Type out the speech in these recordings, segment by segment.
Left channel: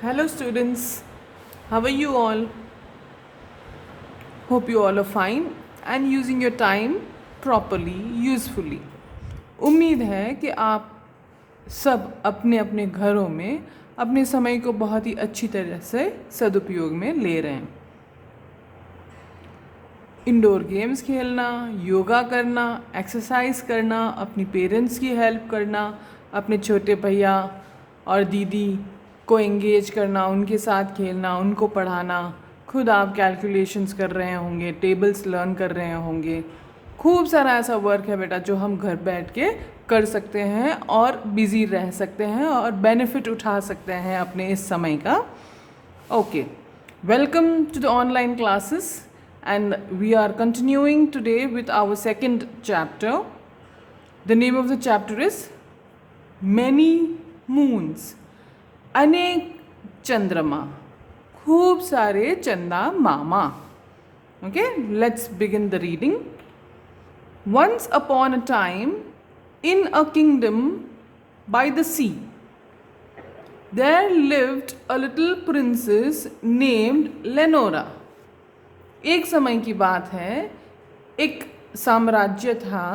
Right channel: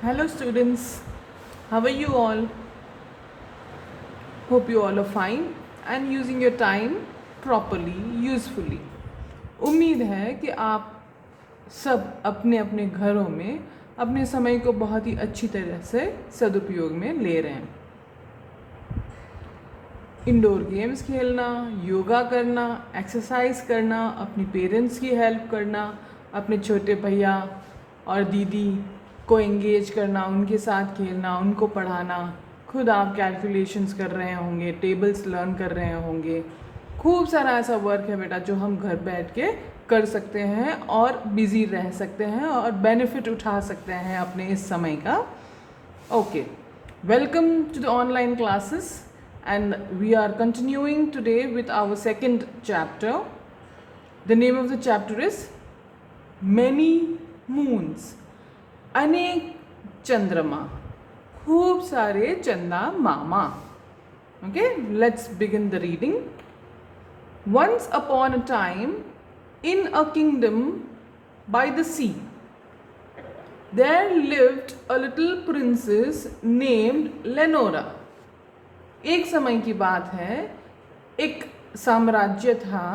Hello, students. How are you all? Hope you all are fine and using your time properly, usefully. उम्मीद है कि आप सब अपने अपने घरों में अपने समय को बहुत ही अच्छी तरह से सदुपयोग में ले रहे हैं। इंडोर गेम्स खेलना, योगा करना, एक्सरसाइज करना, अपनी पेरेंट्स की हेल्प करना, अपने छोटे भैया और दीदी को एंगेज करना, उनके साथ खेलना, उनको पढ़ाना, खुद आप कैलकुलेशंस कर रहे होंगे, टेबल्स लर्न कर रहे होंगे। खूब सारा ऐसा वर्क है बेटा जो हम घर बैठ के कर सकते हैं और बिज़ी रह सकते हैं और बेनिफिट उठा सकते हैं अपने इस समय का। Okay, welcome to the online classes and we are continuing today with our second chapter. The name of the chapter is Many Moons. अनेक चंद्रमा, खूब सारे चंदा मामा. Okay, let's begin the reading. Once upon a time, in a kingdom by the sea, there lived a little princess named Lenora. एक समय की बात है, एक साम्राज्य था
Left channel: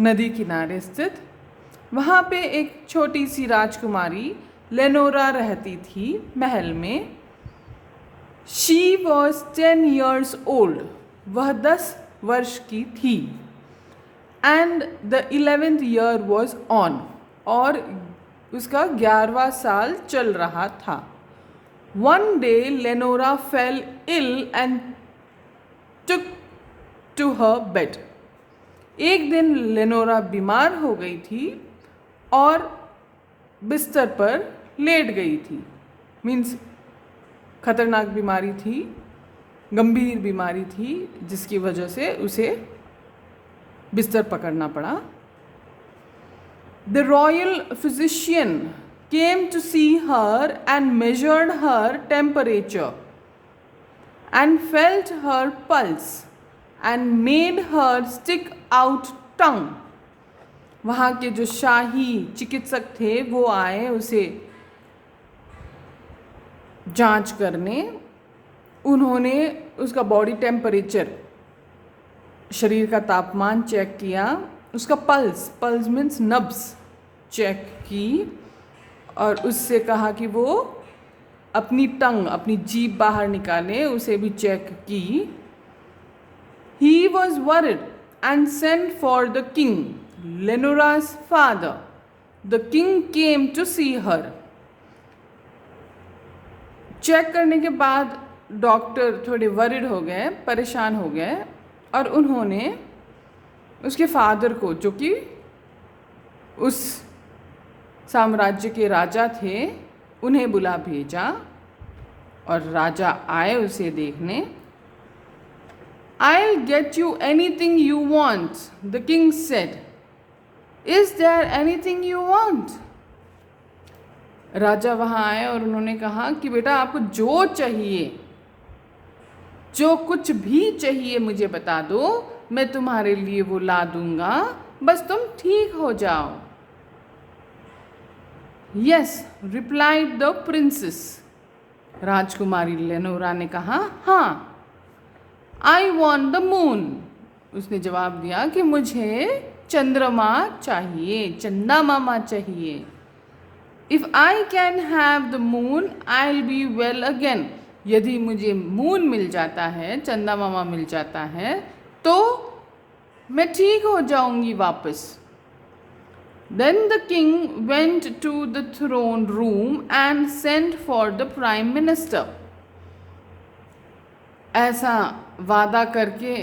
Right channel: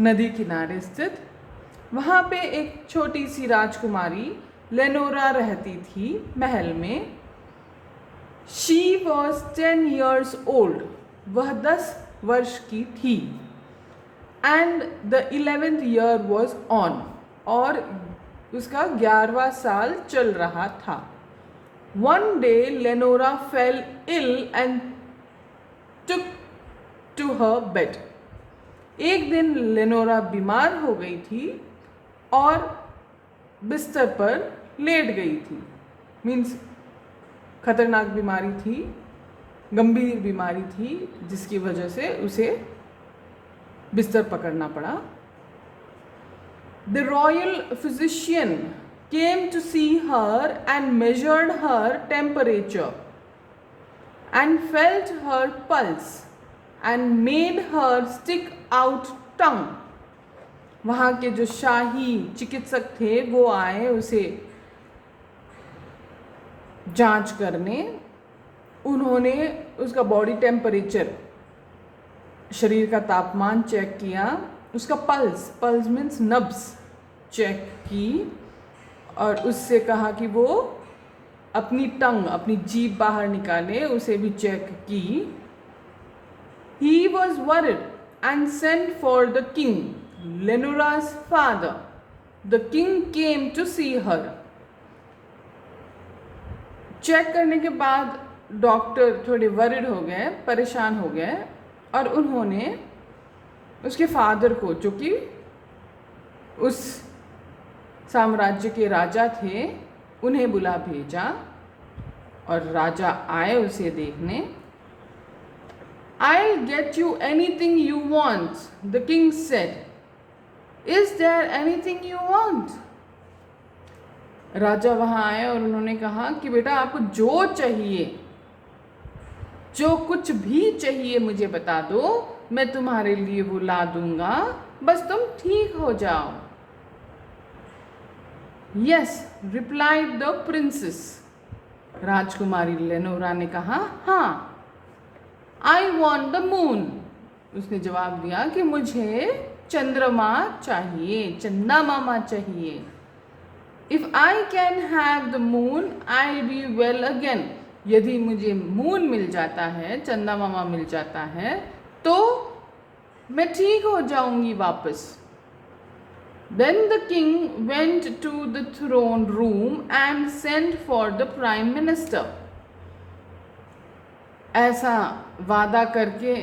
नदी किनारे स्थित। वहाँ पे एक छोटी सी राजकुमारी लेनोरा रहती थी महल में। She was 10 years old. वह 10 वर्ष की थी। And the 11th year was on. और उसका 11वां साल चल रहा था। One day Lenora fell ill and took to her bed. एक दिन लेनोरा बीमार हो गई थी और बिस्तर पर लेट गई थी। मीन्स खतरनाक बीमारी थी, गंभीर बीमारी थी, जिसकी वजह से उसे बिस्तर पकड़ना पड़ा। The royal physician came to see her and measured her temperature and felt her pulse and made her stick out tongue. वहाँ के जो शाही चिकित्सक थे वो आए उसे जांच करने। उन्होंने उसका बॉडी टेम्परेचर, शरीर का तापमान चेक किया, उसका पल्स मीन्स नब्स चेक की और उससे कहा कि वो अपनी टंग, अपनी जीभ बाहर निकाले, उसे भी चेक की। He was worried and sent for the king, Lenora's father. The king came to see her. Check करने के बाद डॉक्टर थोड़े वरिड हो गए, परेशान हो गए और उन्होंने उसके फादर को, जो कि उस साम्राज्य के राजा थे, उन्हें बुला भेजा और राजा आए उसे देखने। I'll get you anything you want, the king said. Is there anything you want? राजा वहाँ आए और उन्होंने कहा कि बेटा आपको जो चाहिए, जो कुछ भी चाहिए मुझे बता दो, मैं तुम्हारे लिए वो ला दूंगा, बस तुम ठीक हो जाओ। Yes, replied the princess. राजकुमारी लेनोरा ने कहा, हाँ। I want the moon. उसने जवाब दिया कि मुझे चंद्रमा चाहिए, चंदा मामा चाहिए। If I can have the moon, I'll be well again. यदि मुझे मून मिल जाता है, चंदा मामा मिल जाता है, तो मैं ठीक हो जाऊंगी वापस। Then the king went to the throne room and sent for the prime minister. ऐसा वादा करके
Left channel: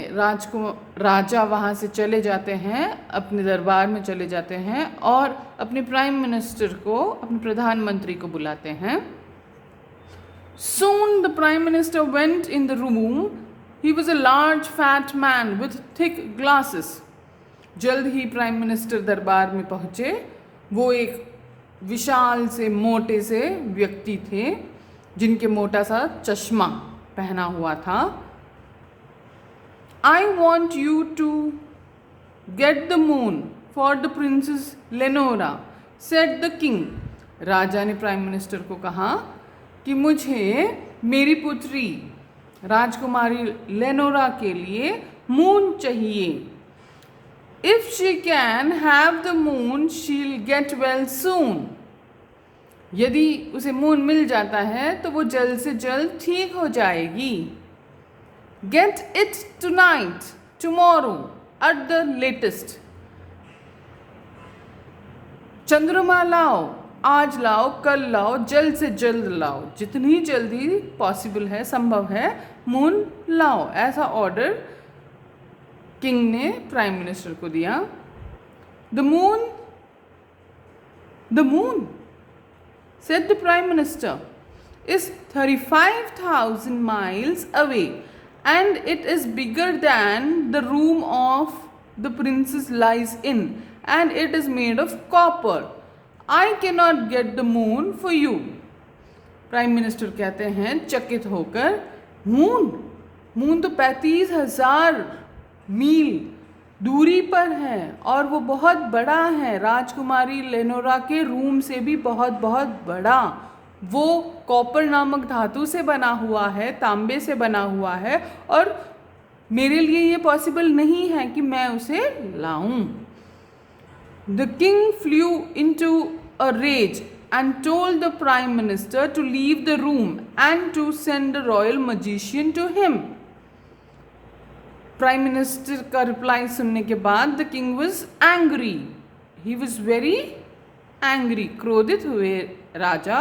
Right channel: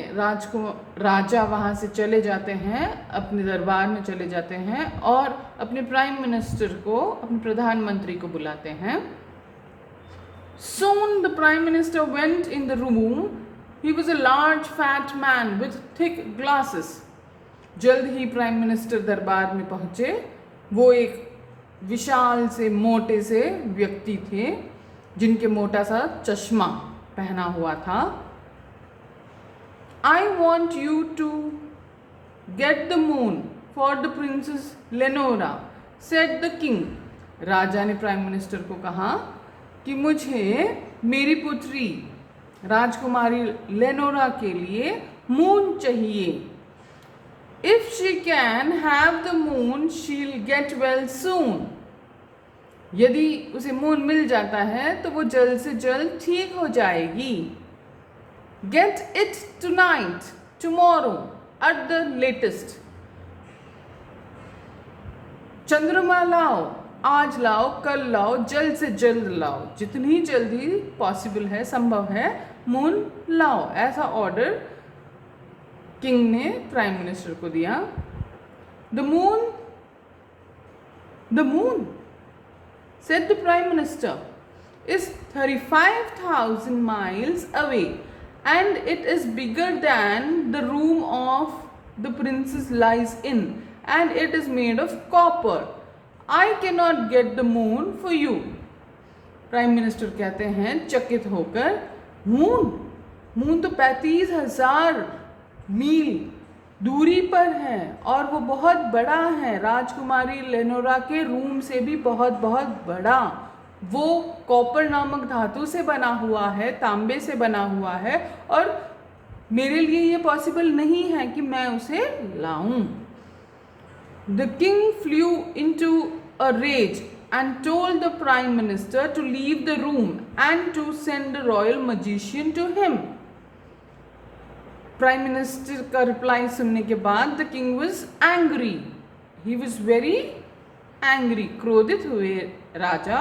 राजा वहाँ से चले जाते हैं, अपने दरबार में चले जाते हैं और अपने प्राइम मिनिस्टर को, अपने प्रधानमंत्री को बुलाते हैं। Soon the prime minister went in the room. He was a large fat man with thick glasses. जल्द ही प्राइम मिनिस्टर दरबार में पहुँचे। वो एक विशाल से मोटे से व्यक्ति थे जिनके मोटा सा चश्मा पहना हुआ था। I want you to get the moon for the princess Lenora, said the king. राजा ने प्राइम मिनिस्टर को कहा कि मुझे मेरी पुत्री राजकुमारी लेनोरा के लिए मून चाहिए। If she can have the moon she'll get well soon. यदि उसे मून मिल जाता है तो वो जल्द से जल्द ठीक हो जाएगी। Get it tonight, tomorrow, at the latest. चंद्रमा लाओ, आज लाओ, कल लाओ, जल्द से जल्द लाओ, जितनी जल्दी पॉसिबल है, संभव है, मून लाओ। ऐसा ऑर्डर किंग ने प्राइम मिनिस्टर को दिया। The moon said the prime minister is 35,000 miles away and it is bigger than the room of the princess lies in and it is made of copper. I cannot get the moon for you. Prime minister कहते हैं चकित होकर, moon तो 35,000 मील दूरी पर है और वो बहुत बड़ा है, राजकुमारी लेनोरा के रूम से भी बहुत बहुत बड़ा। वो कॉपर नामक धातु से बना हुआ है, तांबे से बना हुआ है और मेरे लिए ये पॉसिबल नहीं है कि मैं उसे लाऊं। The king flew into a rage and told the prime minister to leave the room and to send the royal magician to him. Prime minister का रिप्लाई सुनने के बाद the king was angry, he was very angry, क्रोधित हुए राजा,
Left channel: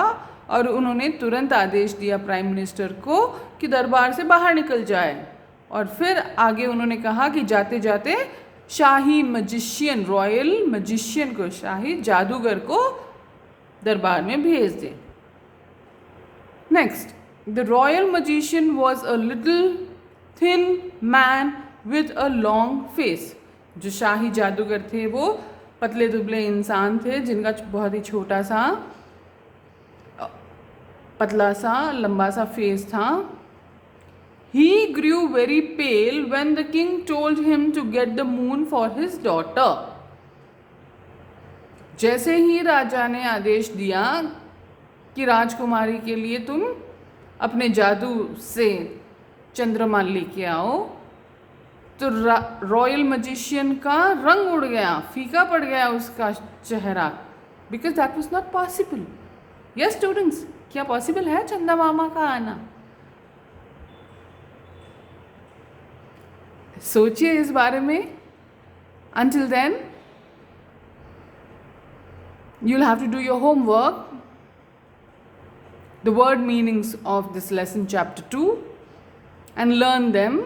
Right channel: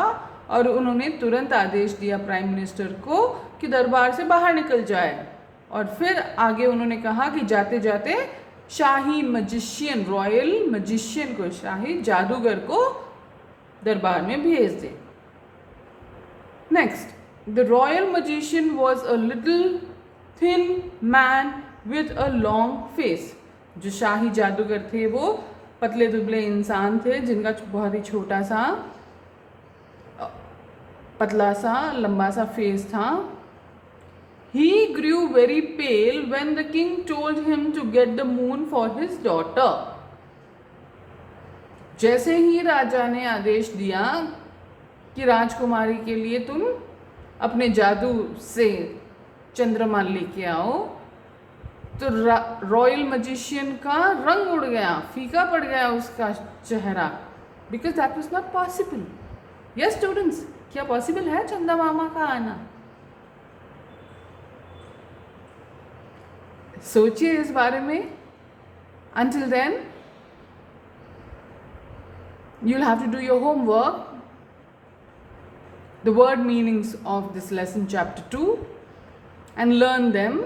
और उन्होंने तुरंत आदेश दिया प्राइम मिनिस्टर को कि दरबार से बाहर निकल जाए। और फिर आगे उन्होंने कहा कि जाते जाते शाही मजिशियन, रॉयल मजिशियन को, शाही जादूगर को दरबार में भेज दे। Next, the royal magician was a little thin man with a long face. जो शाही जादूगर थे वो पतले दुबले इंसान थे जिनका बहुत ही छोटा सा, पतला सा, लंबा सा फेस था। He grew very pale when the king told him to get the moon for his daughter. जैसे ही राजा ने आदेश दिया कि राजकुमारी के लिए तुम अपने जादू से चंद्रमा लेके आओ, तो रॉयल मजिशियन का रंग उड़ गया, फीका पड़ गया उसका चेहरा, because that was not possible. Yes students, क्या पॉसिबल है चंदा मामा का आना? सोचिए इस बारे में। Until then, you'll have to do your homework, the word meanings of this lesson chapter 2, and learn them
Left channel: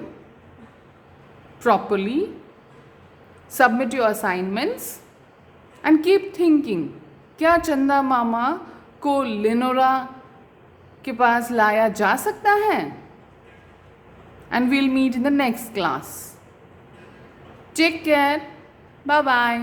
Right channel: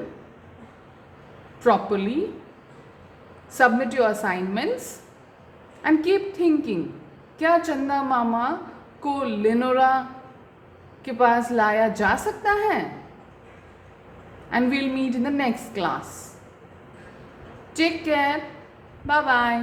properly. Submit your assignments and keep thinking, क्या चंदा मामा को लेनोरा के पास लाया जा सकता है? And we'll meet in the next class. Take care. Bye bye.